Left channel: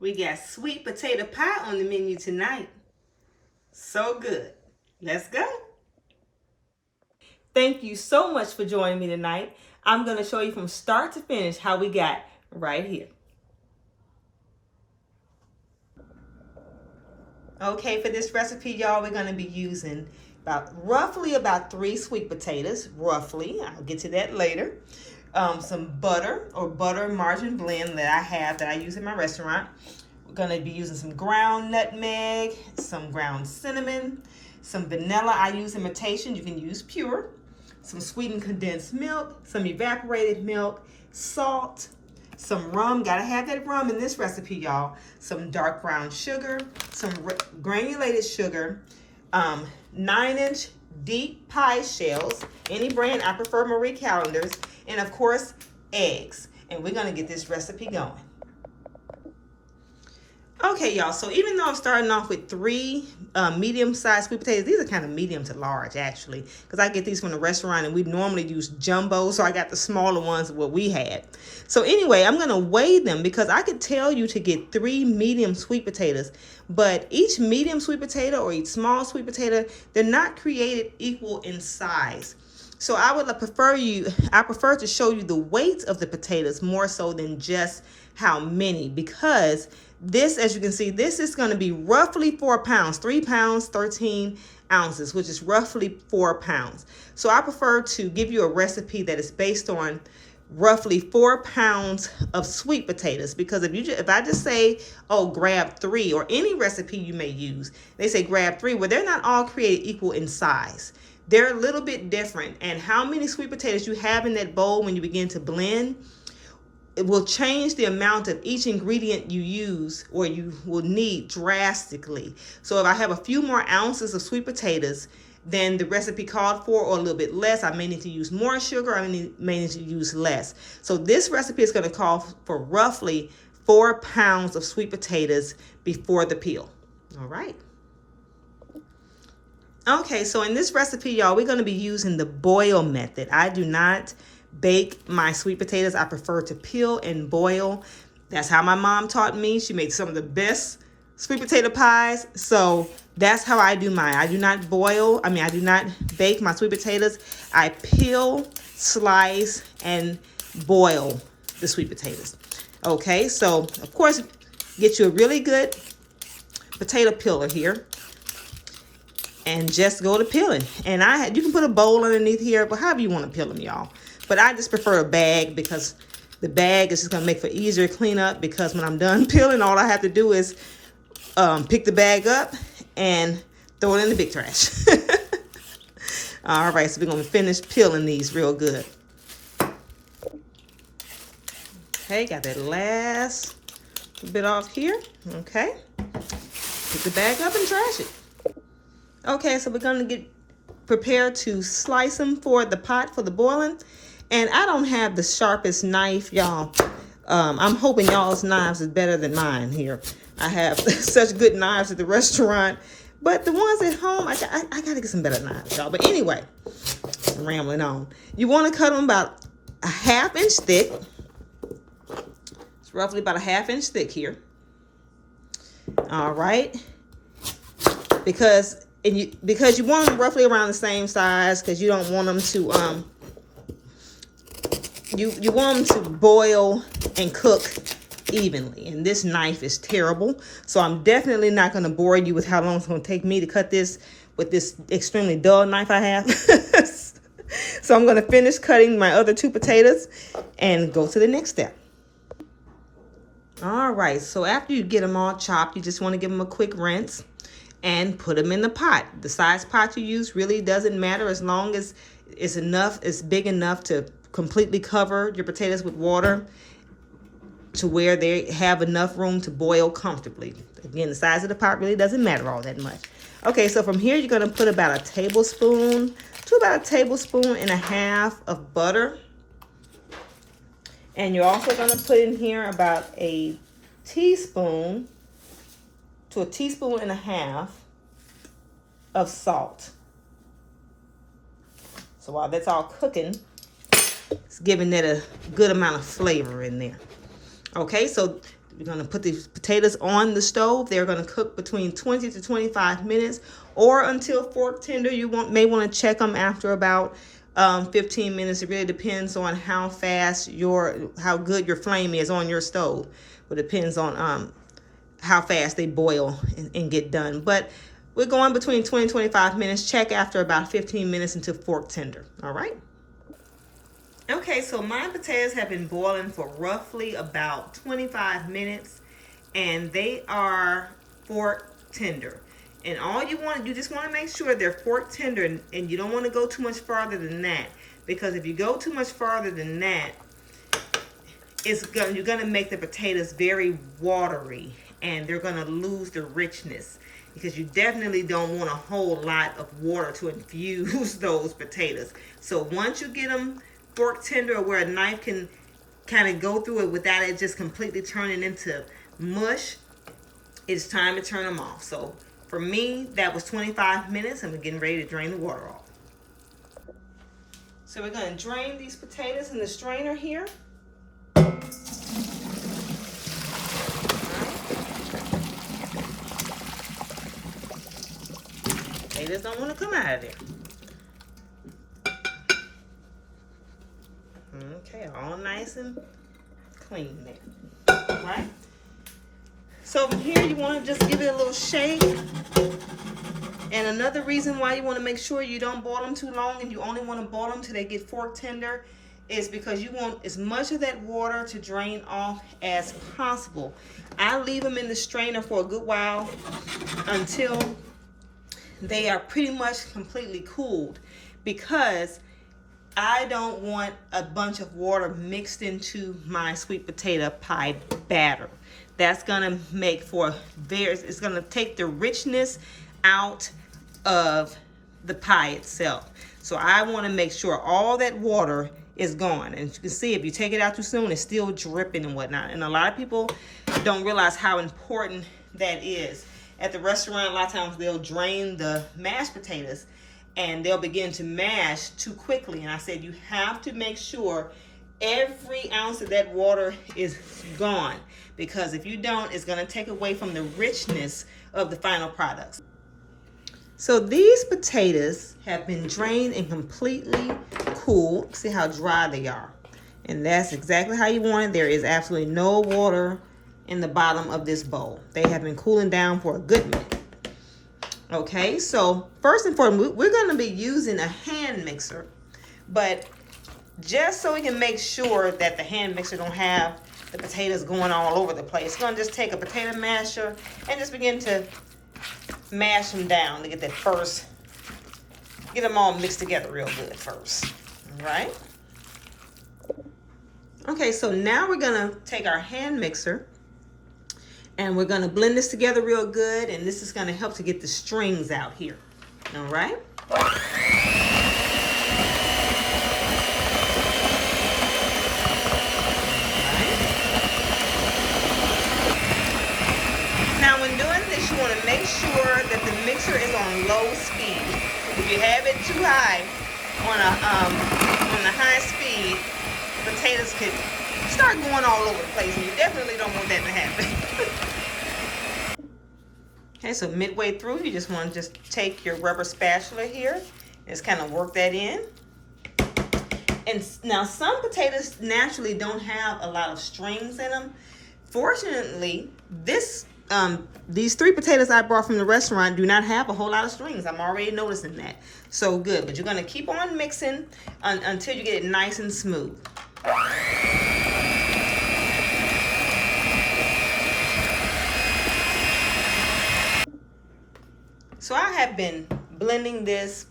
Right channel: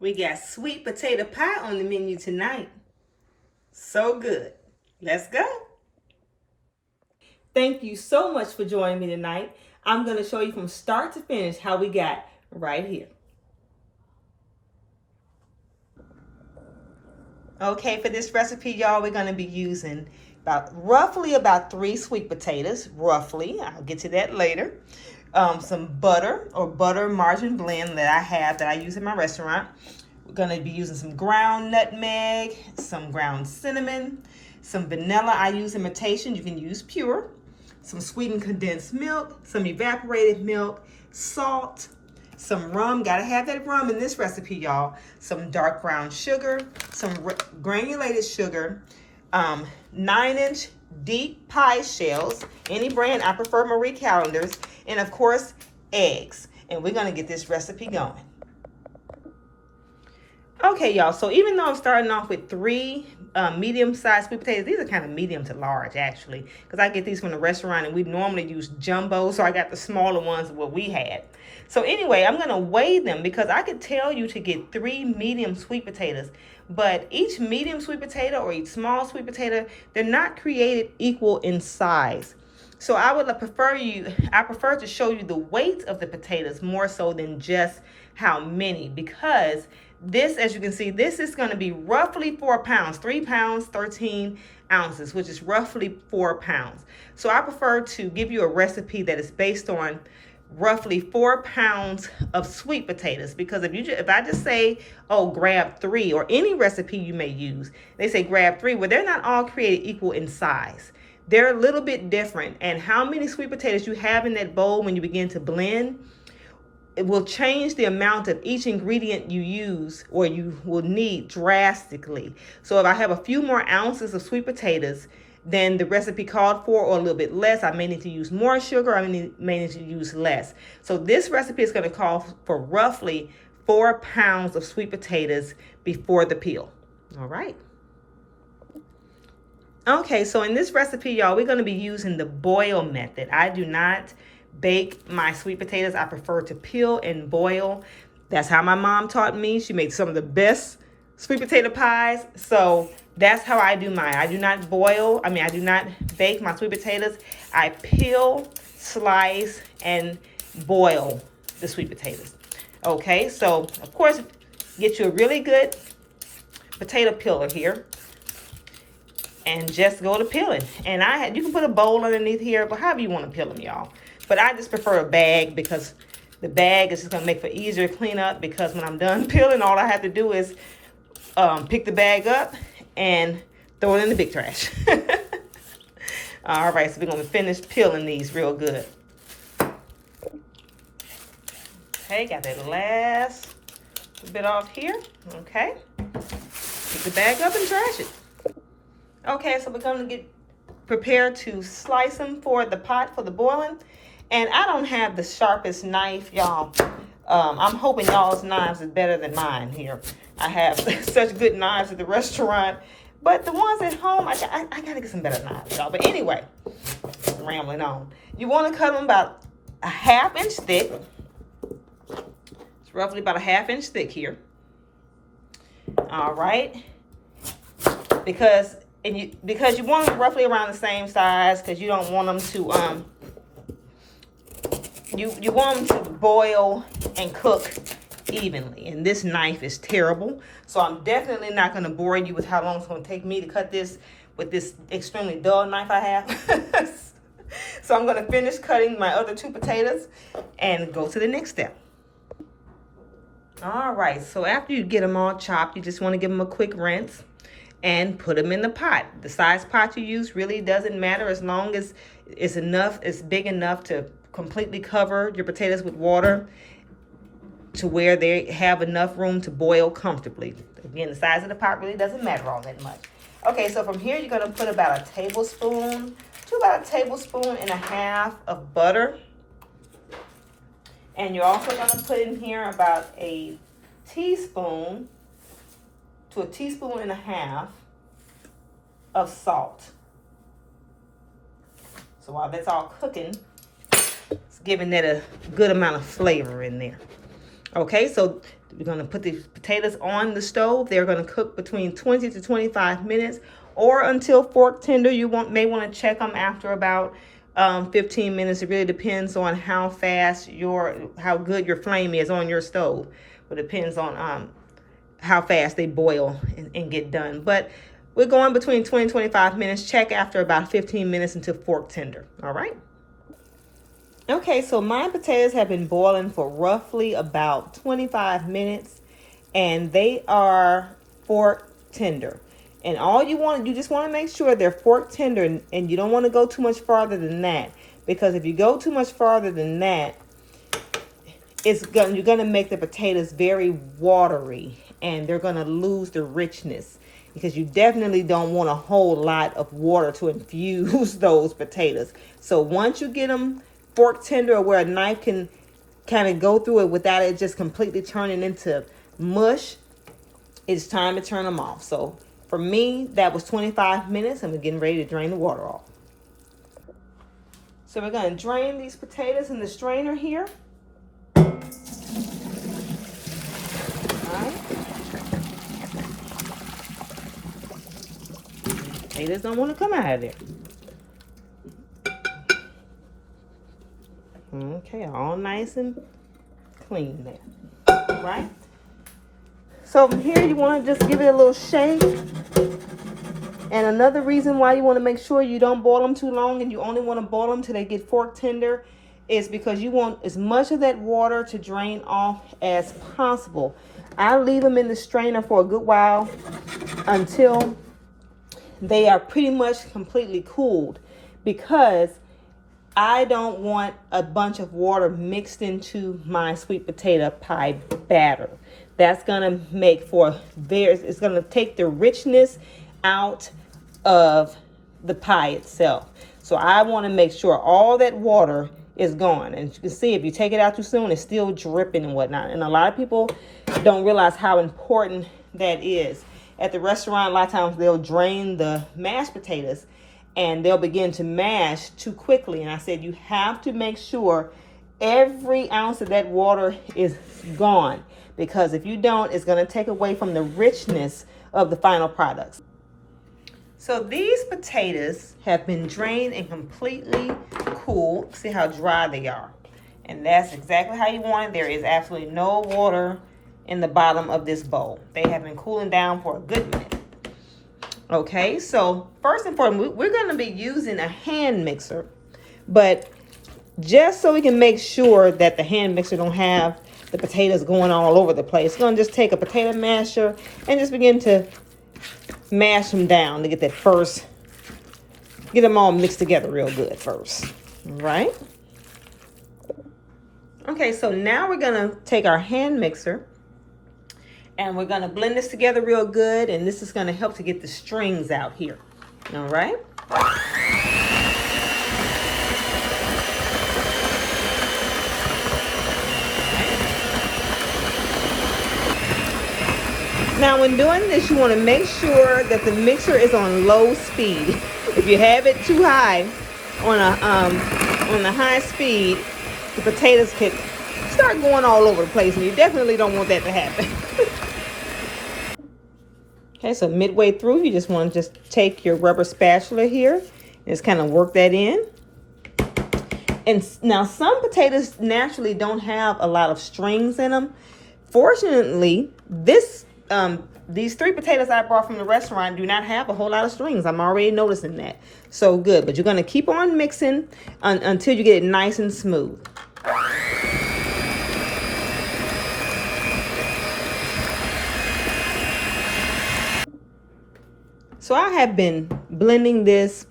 We got sweet potato pie on the menu tonight. So good. Let's go. Thank you so much for joining me tonight. I'm going to show you from start to finish how we got right here. Okay, for this recipe, y'all, we're going to be using roughly about 3 sweet potatoes, roughly. I'll get to that later. Some butter or butter margarine blend that I use in my restaurant. We're going to be using some ground nutmeg, some ground cinnamon, some vanilla. I use imitation. You can use pure. Some sweetened condensed milk, some evaporated milk, salt, some rum. Gotta have that rum in this recipe, y'all. Some dark brown sugar, some granulated sugar, 9-inch deep pie shells. Any brand, I prefer Marie Callender's. And of course, eggs. And we're gonna get this recipe going. Okay, y'all, so even though I'm starting off with 3 medium-sized sweet potatoes, these are kind of medium to large, actually, because I get these from the restaurant, and we normally use jumbo, so I got the smaller ones what we had. So anyway, I'm going to weigh them because I could tell you to get 3 medium sweet potatoes, but each medium sweet potato or each small sweet potato, they're not created equal in size. So I prefer to show you the weight of the potatoes more so than just how many, because this, as you can see, this is going to be roughly 4 pounds, 3 pounds, 13 ounces, which is roughly 4 pounds. So I prefer to give you a recipe that is based on roughly 4 pounds of sweet potatoes, because if I just say, oh, grab 3, or any recipe you may use, they say grab 3, well, they're not all created equal in size. They're a little bit different, and how many sweet potatoes you have in that bowl when you begin to blend, it will change the amount of each ingredient you use or you will need drastically. So if I have a few more ounces of sweet potatoes than the recipe called for, or a little bit less, I may need to use more sugar, I may need to use less. So this recipe is going to call for roughly 4 pounds of sweet potatoes before the peel. All right. Okay, so in this recipe, y'all, we're going to be using the boil method. I do not bake my sweet potatoes. I prefer to peel and boil. That's how my mom taught me. She made some of the best sweet potato pies. So that's how I do mine. I do not bake my sweet potatoes. I peel, slice, and boil the sweet potatoes. Okay, so of course, get you a really good potato peeler here. And just go to peeling. And you can put a bowl underneath here, but however you want to peel them, y'all. But I just prefer a bag because the bag is just going to make for easier cleanup, because when I'm done peeling, all I have to do is pick the bag up and throw it in the big trash. All right, so we're going to finish peeling these real good. Okay, got that last bit off here. Okay, pick the bag up and trash it. Okay, so we're going to get prepared to slice them for the pot for the boiling. And I don't have the sharpest knife, y'all. I'm hoping y'all's knives is better than mine here. I have such good knives at the restaurant, but the ones at home, I got to get some better knives, y'all. But anyway, I'm rambling on. You want to cut them about a 1/2 inch thick. It's roughly about a 1/2 inch thick here. All right. Because you want them roughly around the same size, because you don't want them to you want them to boil and cook evenly. And this knife is terrible, so I'm definitely not going to bore you with how long it's going to take me to cut this with this extremely dull knife I have. So I'm going to finish cutting my other 2 potatoes and go to the next step. All right, so after you get them all chopped, you just want to give them a quick rinse and put them in the pot. The size pot you use really doesn't matter, as long as it's big enough to completely cover your potatoes with water to where they have enough room to boil comfortably. Again, the size of the pot really doesn't matter all that much. Okay, so from here you're going to put about a tablespoon to about a tablespoon and a half of butter. And you're also going to put in here about a teaspoon to a teaspoon and a half of salt. So while that's all cooking, it's giving that a good amount of flavor in there. Okay, so we're gonna put these potatoes on the stove. They're gonna cook between 20 to 25 minutes or until fork tender. You may want to check them after about 15 minutes. It really depends on how fast how good your flame is on your stove. It depends on how fast they boil and get done. But we're going between 20 and 25 minutes. Check after about 15 minutes until fork tender. All right. Okay, so my potatoes have been boiling for roughly about 25 minutes and they are fork tender. And you just want to make sure they're fork tender, and you don't want to go too much farther than that, because if you go too much farther than that, you're going to make the potatoes very watery and they're going to lose the richness, because you definitely don't want a whole lot of water to infuse those potatoes. So once you get them fork tender, or where a knife can kind of go through it without it just completely turning into mush, it's time to turn them off. So for me, that was 25 minutes, and we're getting ready to drain the water off. So we're going to drain these potatoes in the strainer here. Potatoes don't want to come out of there. Okay, all nice and clean there. Right? So from here, you want to just give it a little shake. And another reason why you want to make sure you don't boil them too long, and you only want to boil them till they get fork tender, is because you want as much of that water to drain off as possible. I leave them in the strainer for a good while until they are pretty much completely cooled, because I don't want a bunch of water mixed into my sweet potato pie batter. That's gonna make it's gonna take the richness out of the pie itself. So I want to make sure all that water is gone. And you can see, if you take it out too soon, it's still dripping and whatnot. And a lot of people don't realize how important that is. At the restaurant, a lot of times they'll drain the mashed potatoes and they'll begin to mash too quickly. And I said, you have to make sure every ounce of that water is gone, because if you don't, it's going to take away from the richness of the final products. So these potatoes have been drained and completely cooled. See how dry they are. And that's exactly how you want it. There is absolutely no water in the bottom of this bowl. They have been cooling down for a good minute. Okay, so first and foremost, we're going to be using a hand mixer, but just so we can make sure that the hand mixer don't have the potatoes going all over the place, we're going to just take a potato masher and just begin to mash them down to get them all mixed together real good first. All right. Okay, so now we're going to take our hand mixer and we're going to blend this together real good, and this is going to help to get the strings out here. All right. Now when doing this, you want to make sure that the mixer is on low speed. If you have it too high on a high speed, the potatoes could start going all over the place, and you definitely don't want that to happen. Okay, so midway through, you just want to just take your rubber spatula here and just kind of work that in. And now some potatoes naturally don't have a lot of strings in them. Fortunately, these 3 potatoes I brought from the restaurant do not have a whole lot of strings. I'm already noticing that. So good, but you're going to keep on mixing until you get it nice and smooth. So I have been blending this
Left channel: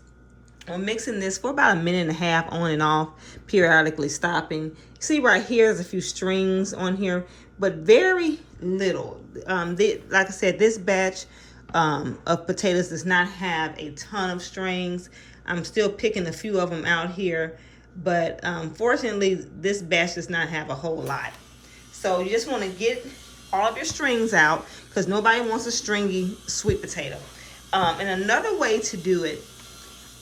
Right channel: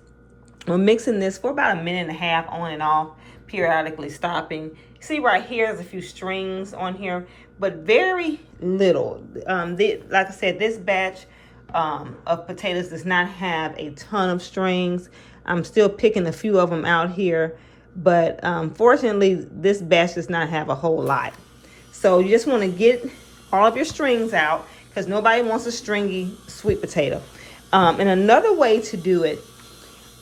or mixing this for about a minute and a half on and off, periodically stopping. See right here, there's a few strings on here, but very little. Like I said, this batch of potatoes does not have a ton of strings. I'm still picking a few of them out here, but fortunately, this batch does not have a whole lot. So you just want to get all of your strings out, because nobody wants a stringy sweet potato. And another way to do it,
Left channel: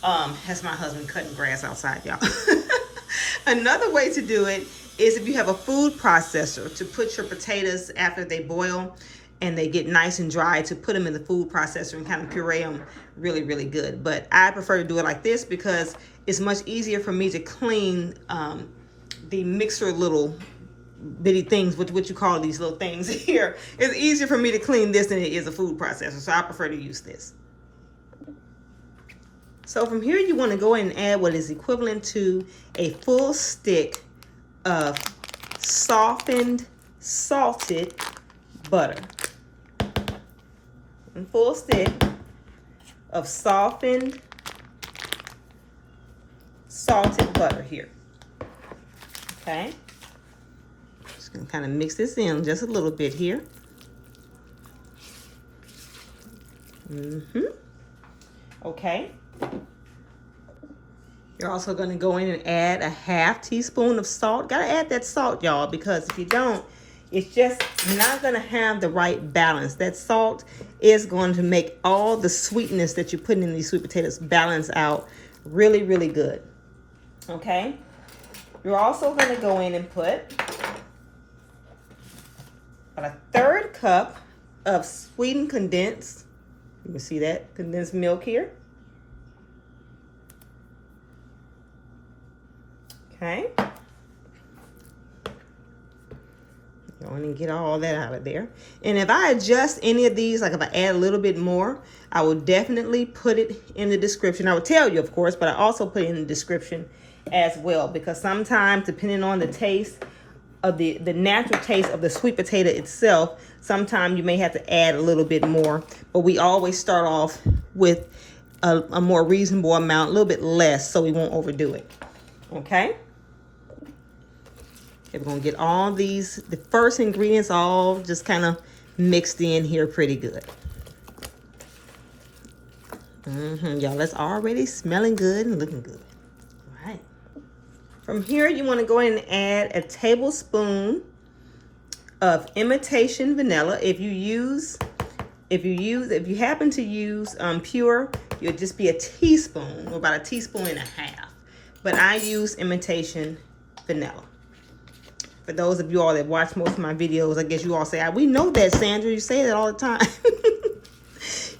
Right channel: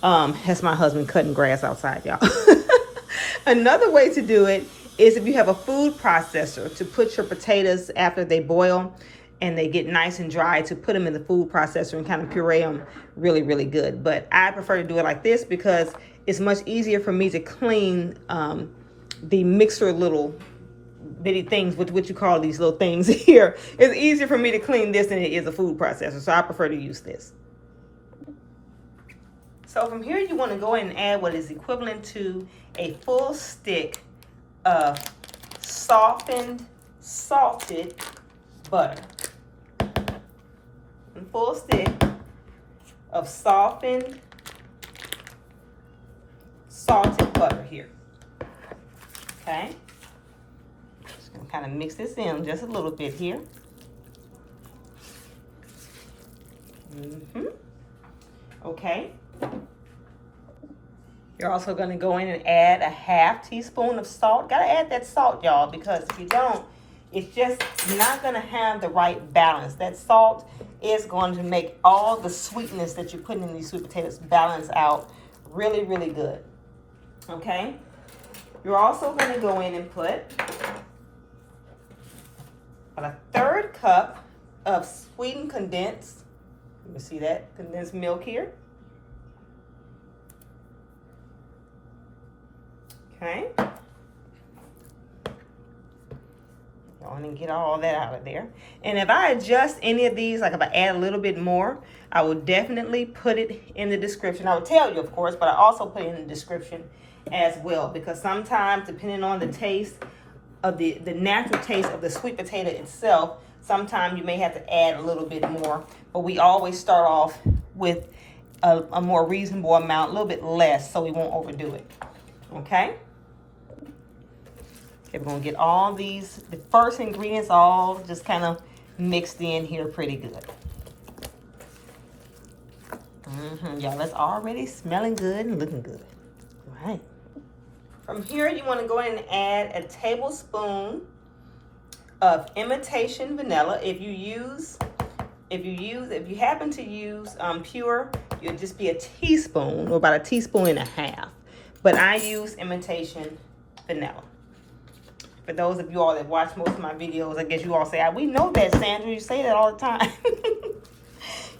that's my husband cutting grass outside, y'all. Another way to do it is if you have a food processor, to put your potatoes after they boil and they get nice and dry, to put them in the food processor and kind of puree them really, really good. But I prefer to do it like this because it's much easier for me to clean the mixer little bitty things, what you call these little things here. It's easier for me to clean this than it is a food processor, so I prefer to use this. So from here, you want to go in and add what is equivalent to a full stick of softened, salted butter. A full stick of softened, salted butter here. Okay. Just gonna kind of mix this in just a little bit here. Okay. You're also going to go in and add a half teaspoon of salt. Got to add that salt, y'all, because if you don't, it's just not going to have the right balance. That salt is going to make all the sweetness that you're putting in these sweet potatoes balance out really, really good. Okay? You're also going to go in and put about a 1/3 cup of sweetened condensed. You can see that condensed milk here. Okay. Go on and get all that out of there. And if I adjust any of these, like if I add a little bit more, I will definitely put it in the description. I will tell you, of course, but I also put it in the description as well, because sometimes, depending on the taste of the natural taste of the sweet potato itself, sometimes you may have to add a little bit more. But we always start off with a more reasonable amount, a little bit less, so we won't overdo it. Okay? Okay, we're going to get all these, the first ingredients all just kind of mixed in here pretty good. Y'all, that's already smelling good and looking good. All right. From here, you want to go in and add a tablespoon of imitation vanilla. If you happen to use pure, it'll just be a teaspoon or about a teaspoon and a half. But I use imitation vanilla. For those of you all that watch most of my videos, I guess you all say, we know that, Sandra, you say that all the time.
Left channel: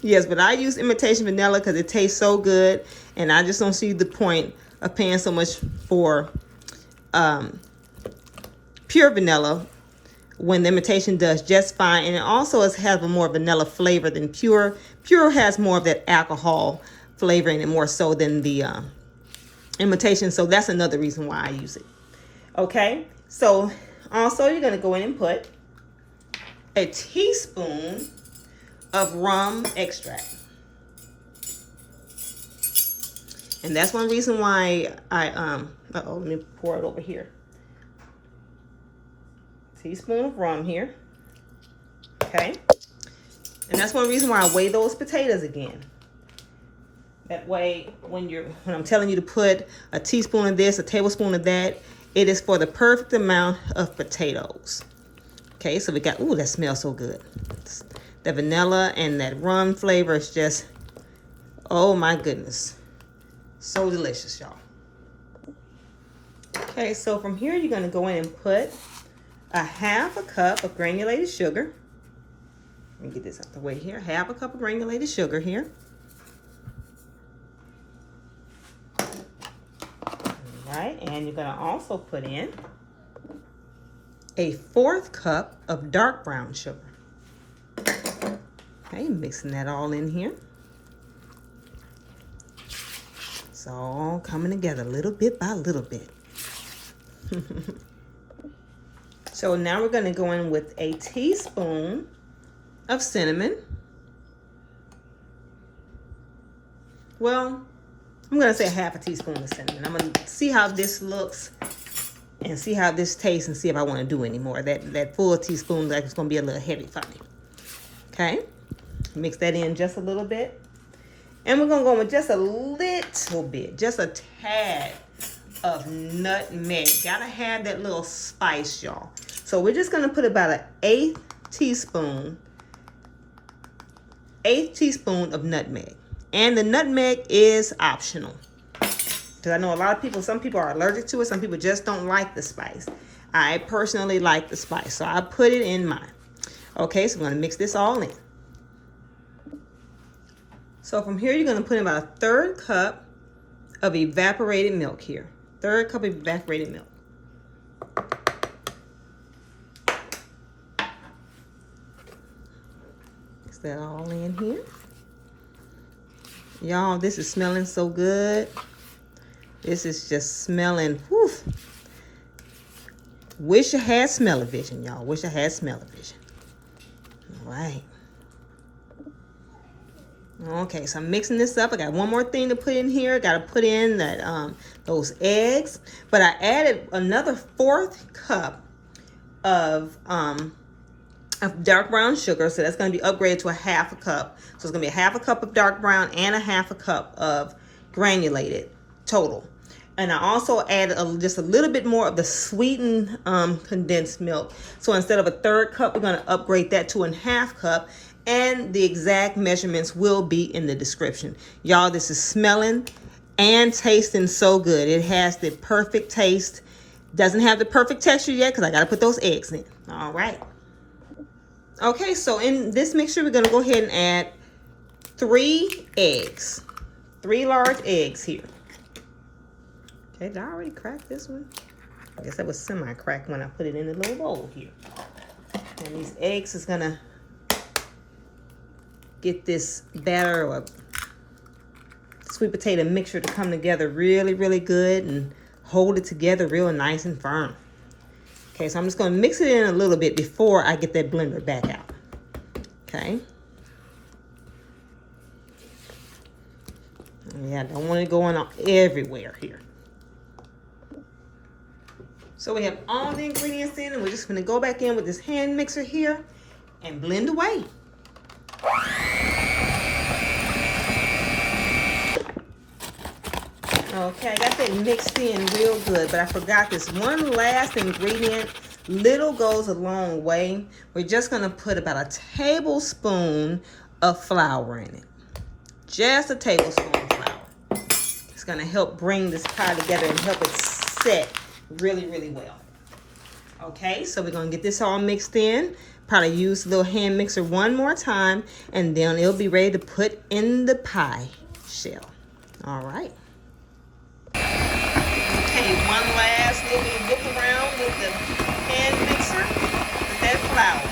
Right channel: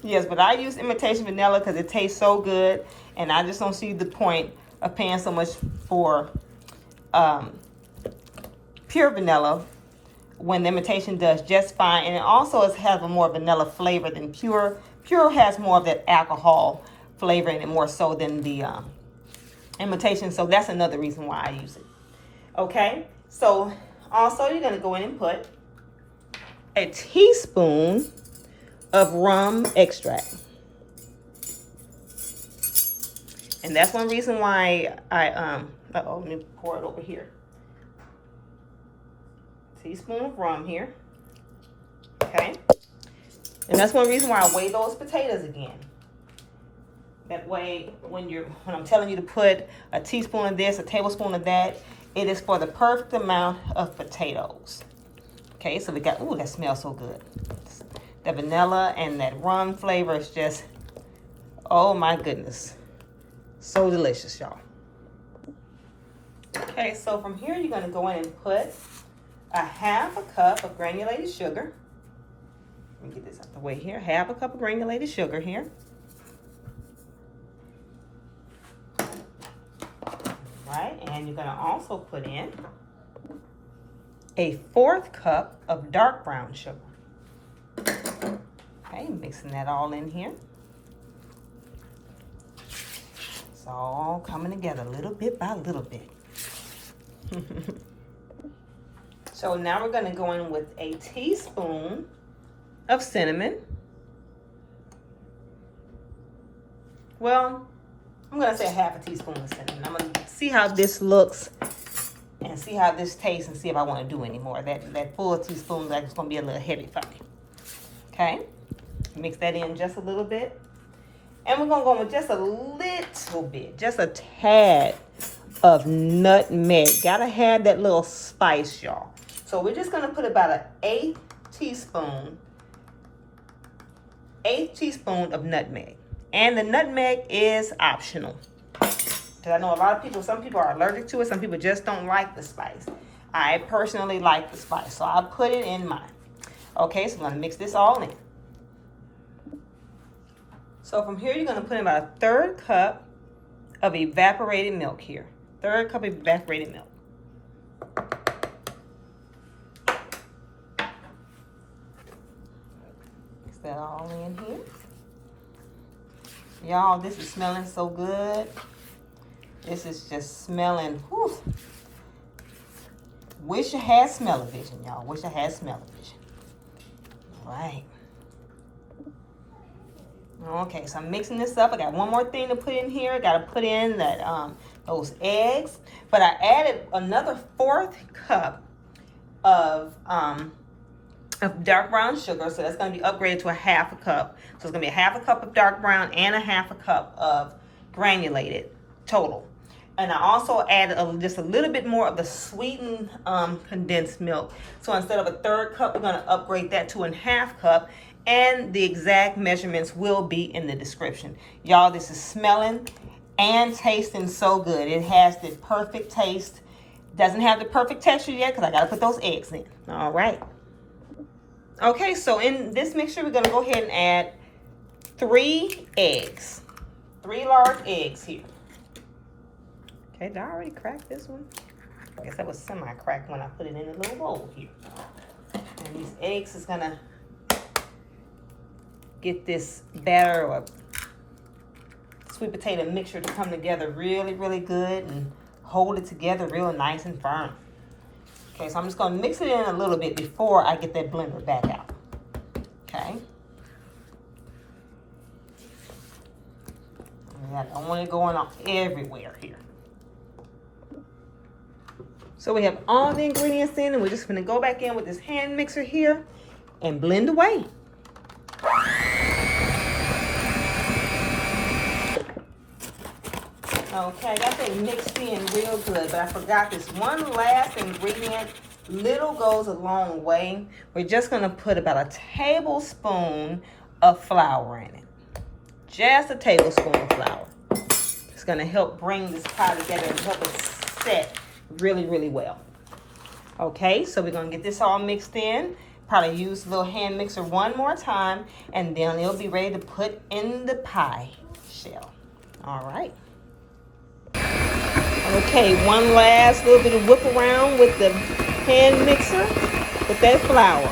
Yes, but I use imitation vanilla because it tastes so good, and I just don't see the point of paying so much for pure vanilla when the imitation does just fine. And it also has a more vanilla flavor than pure. Pure has more of that alcohol flavor in it more so than the imitation. So that's another reason why I use it. Okay, so also you're going to go in and put a teaspoon of rum extract. And that's one reason why I, let me pour it over here. Teaspoon of rum here. Okay. And that's one reason why I weigh those potatoes again. That way, when I'm telling you to put a teaspoon of this, a tablespoon of that, it is for the perfect amount of potatoes. Okay, so we got, ooh, that smells so good. The vanilla and that rum flavor is just, oh my goodness. So delicious, y'all. Okay, so from here, you're gonna go in and put a 1/2 cup of granulated sugar. Let me get this out the way here. 1/2 cup of granulated sugar here. Right, and you're gonna also put in a 1/4 cup of dark brown sugar. Okay, mixing that all in here. It's all coming together little bit by little bit. So now we're going to go in with a teaspoon of cinnamon. Well, I'm going to say 1/2 teaspoon of cinnamon. I'm going to see how this looks and see how this tastes and see if I want to do any more. That full teaspoon, like, it's going to be a little heavy for me. Okay, mix that in just a little bit. And we're going to go with just a little bit, just a tad of nutmeg. Gotta have that little spice, y'all. So we're just going to put about an 1/8 teaspoon of nutmeg. And the nutmeg is optional. Because I know a lot of people, some people are allergic to it. Some people just don't like the spice. I personally like the spice, so I put it in mine. Okay, so I'm gonna mix this all in. So from here, you're gonna put in about a 1/3 cup of evaporated milk here. 1/3 cup of evaporated milk. Mix that all in here. Y'all, this is smelling so good. This is just smelling, whew. Wish I had smell-o-vision, y'all. Wish I had smell-o-vision. All right. Okay, so I'm mixing this up. I got one more thing to put in here. I got to put in that those eggs. But I added another 1/4 cup of dark brown sugar. So that's going to be upgraded to a 1/2 cup. So it's going to be a 1/2 cup of dark brown and a 1/2 cup of granulated total. And I also added just a little bit more of the sweetened condensed milk. So instead of a 1/3 cup, we're going to upgrade that to a 1/2 cup. And the exact measurements will be in the description. Y'all, this is smelling and tasting so good. It has the perfect taste. Doesn't have the perfect texture yet because I got to put those eggs in. All right. Okay, so in this mixture, we're going to go ahead and add 3 eggs. 3 large eggs here. Okay, did I already crack this one? I guess that was semi-cracked when I put it in a little bowl here. And these eggs is going to get this batter or sweet potato mixture to come together really, really good and hold it together real nice and firm. Okay, so I'm just going to mix it in a little bit before I get that blender back out. Okay. Yeah, I don't want it going on everywhere here. So we have all the ingredients in, and we're just going to go back in with this hand mixer here and blend away. Okay, I got that mixed in real good, but I forgot this one last ingredient. Little goes a long way. We're just gonna put about a tablespoon of flour in it. Just a tablespoon of flour. It's gonna help bring this pie together and help it set really, really well. Okay, so we're gonna get this all mixed in. Probably use the little hand mixer one more time, and then it'll be ready to put in the pie shell. All right. Okay, one last little bit of look around with the hand mixer with that flour.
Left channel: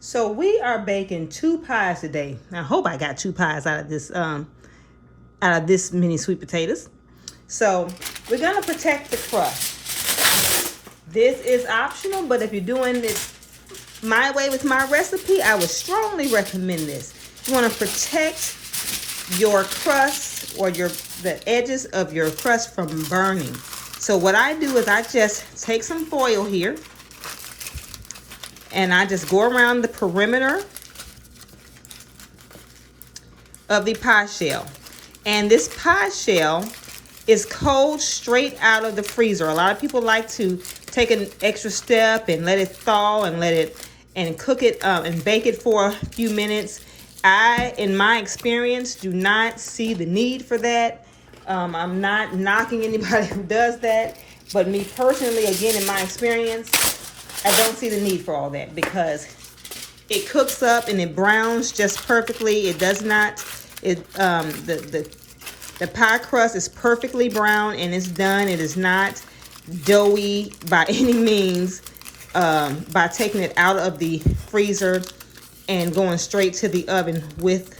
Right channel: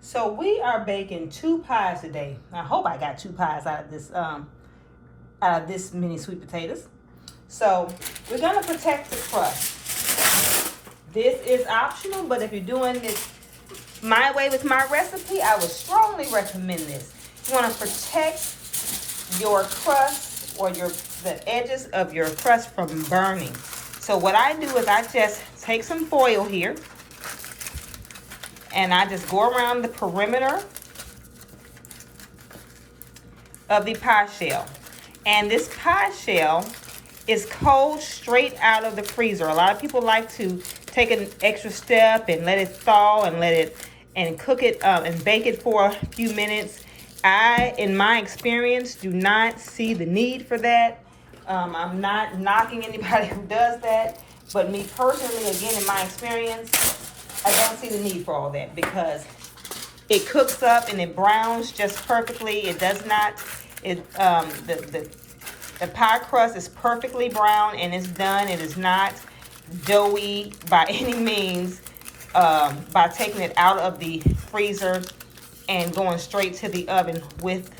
So we are baking 2 pies today. I hope I got 2 pies out of this mini sweet potatoes. So we're gonna protect the crust. This is optional, but if you're doing this my way with my recipe, I would strongly recommend this. You want to protect your crust or the edges of your crust from burning. So what I do is I just take some foil here and I just go around the perimeter of the pie shell. And this pie shell is cold straight out of the freezer. A lot of people like to take an extra step and let it thaw and cook it and bake it for a few minutes. I, in my experience, do not see the need for that. I'm not knocking anybody who does that, but me personally, again, in my experience, I don't see the need for all that because it cooks up and it browns just perfectly. It does not. The pie crust is perfectly brown and it's done. It is not doughy by any means by taking it out of the freezer and going straight to the oven with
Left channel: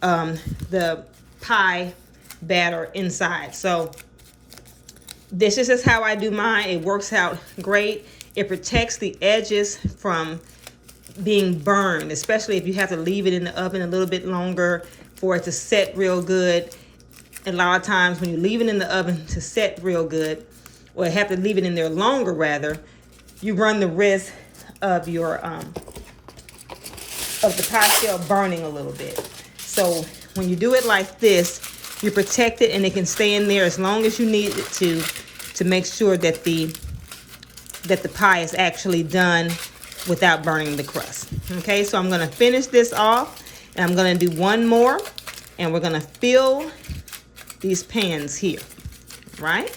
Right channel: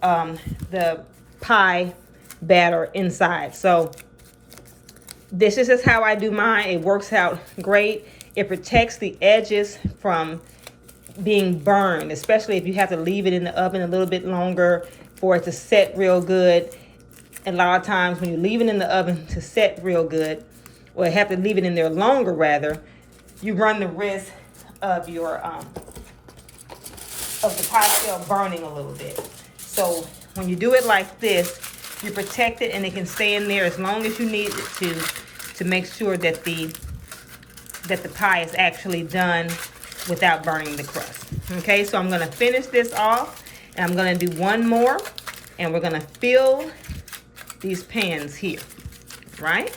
the pie batter inside. So this is just how I do mine. It works out great. It protects the edges from being burned, especially if you have to leave it in the oven a little bit longer for it to set real good. A lot of times when you leave it in the oven to set real good, or have to leave it in there longer rather, you run the risk of your of the pie shell burning a little bit. So when you do it like this, you protect it and it can stay in there as long as you need it to make sure that the pie is actually done without burning the crust. Okay, so I'm gonna finish this off and I'm gonna do one more and we're gonna fill these pans here, right?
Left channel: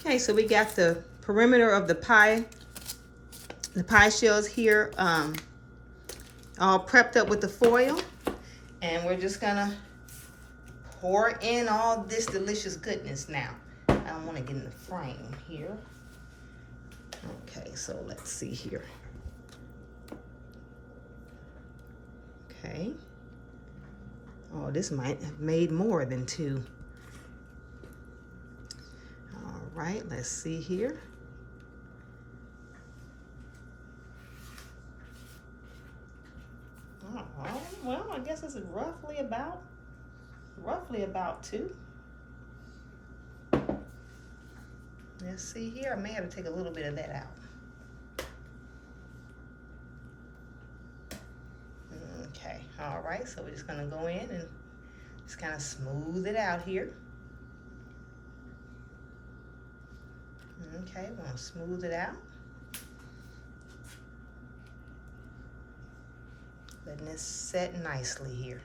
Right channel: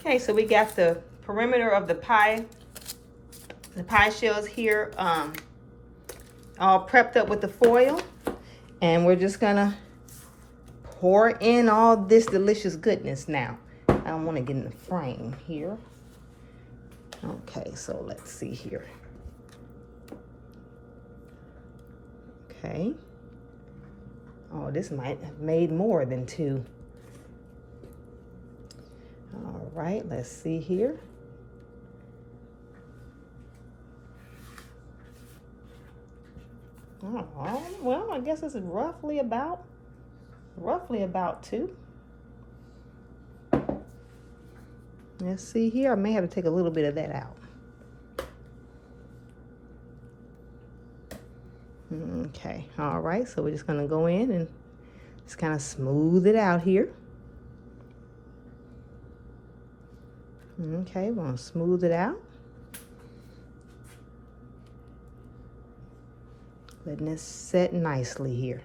Okay, so we got the perimeter of the pie shells here all prepped up with the foil. And we're just gonna pour in all this delicious goodness now. I don't want to get in the frame here. Okay, so let's see here. Okay. Oh, this might have made more than 2. All right, let's see here. Oh, well, I guess this is roughly about 2. Let's see here. I may have to take a little bit of that out. Okay, all right, so we're just gonna go in and just kind of smooth it out here. Okay, we're gonna smooth it out. Letting it set nicely here.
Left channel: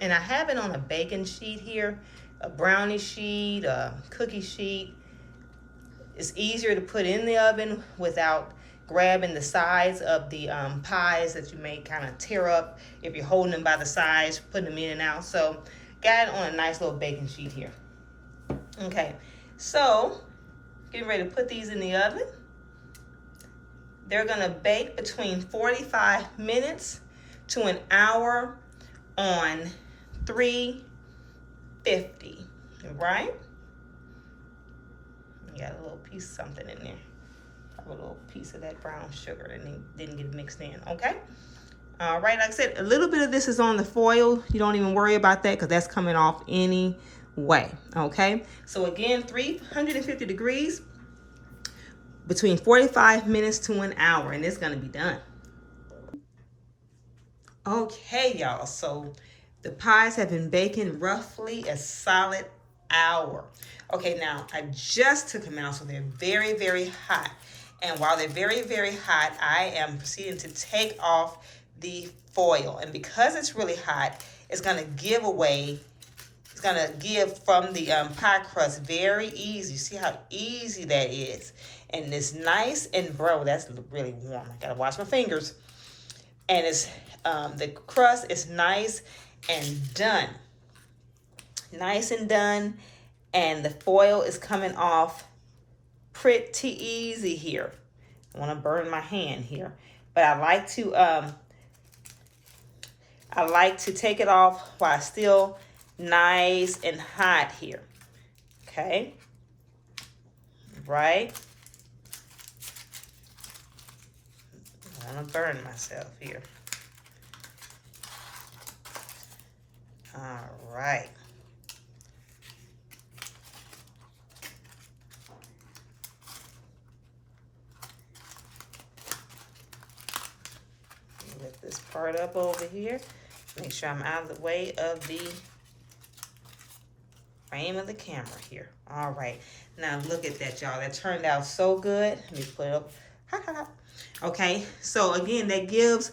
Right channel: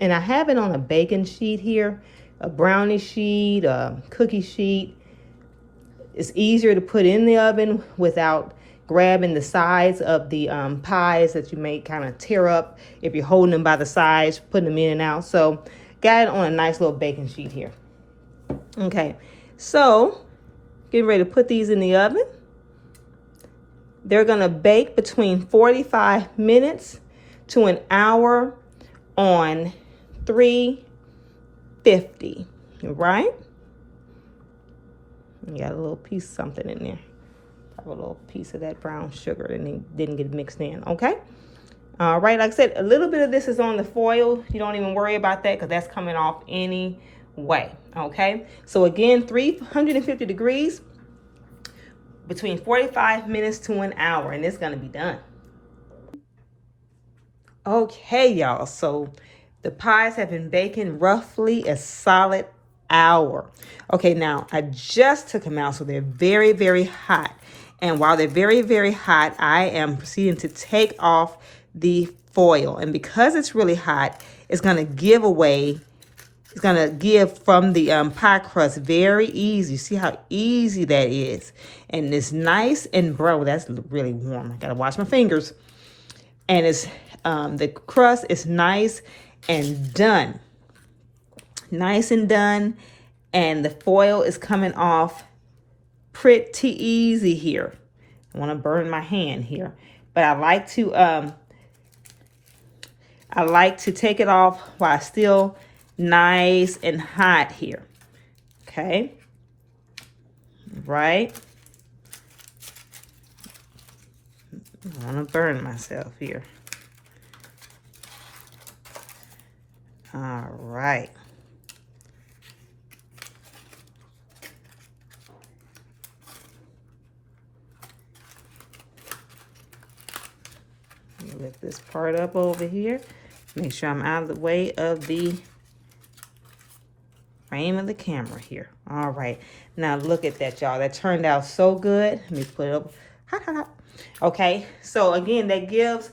And I have it on a baking sheet here, a brownie sheet, a cookie sheet. It's easier to put in the oven without grabbing the sides of the pies that you may kind of tear up if you're holding them by the sides, putting them in and out. So got it on a nice little baking sheet here. Okay, so getting ready to put these in the oven. They're gonna bake between 45 minutes to an hour on 350, right? You got a little piece of something in there. A little piece of that brown sugar that didn't get mixed in, okay? All right, like I said, a little bit of this is on the foil. You don't even worry about that because that's coming off anyway, okay? So again, 350 degrees, between 45 minutes to an hour, and it's gonna be done. Okay, y'all, so the pies have been baking roughly a solid hour. Okay, now I just took them out, so they're very, very hot. And while they're very, very hot, I am proceeding to take off the foil. And because it's really hot, it's gonna give away, it's gonna give from the pie crust very easy. See how easy that is? And it's nice and brown. That's really warm. Gotta wash my fingers. And it's the crust is nice and done. Nice and done. And the foil is coming off pretty easy here. I want to burn my hand here, but I like to take it off while it's still nice and hot here. Okay, right. I want to burn myself here. All right. Lift this part up over here. Make sure I'm out of the way of the frame of the camera here. All right. Now look at that, y'all. That turned out so good. Let me put it up. Okay. So again, that gives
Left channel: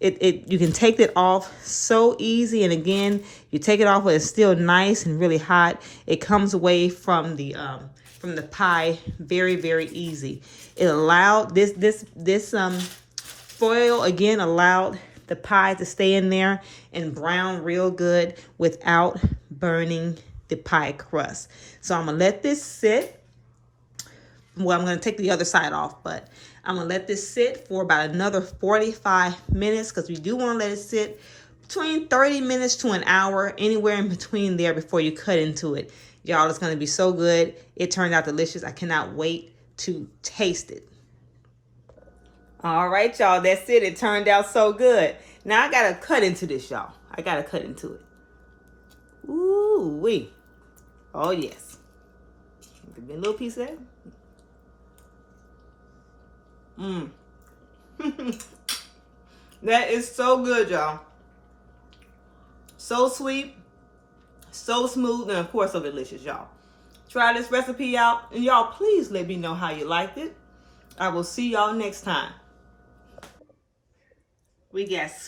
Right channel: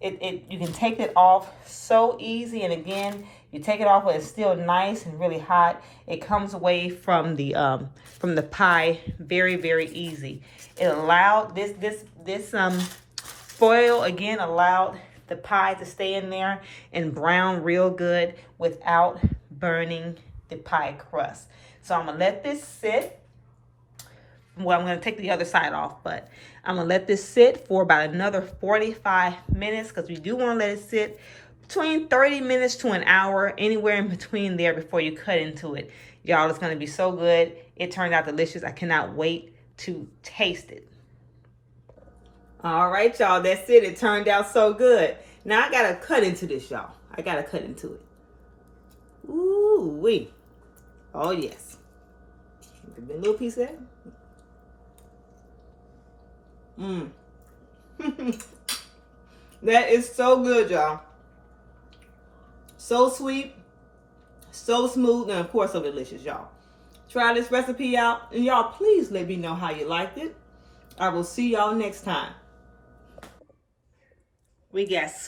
it. You can take it off so easy. And again, you take it off when it's still nice and really hot. It comes away from the pie very, very easy. It allowed this foil again allowed the pie to stay in there and brown real good without burning the pie crust. So I'm gonna let this sit. Well, I'm gonna take the other side off, but I'm gonna let this sit for about another 45 minutes because we do want to let it sit between 30 minutes to an hour, anywhere in between there before you cut into it. Y'all, it's gonna be so good. It turned out delicious. I cannot wait to taste it. All right, y'all, that's it. It turned out so good. Now I gotta cut into this, y'all. I gotta cut into it. Ooh wee. Oh yes. Give me a little piece of that. That is so good, y'all. So sweet, so smooth, and of course so delicious, y'all. Try this recipe out, and y'all please let me know how you liked it. I will see y'all next time. We got sweet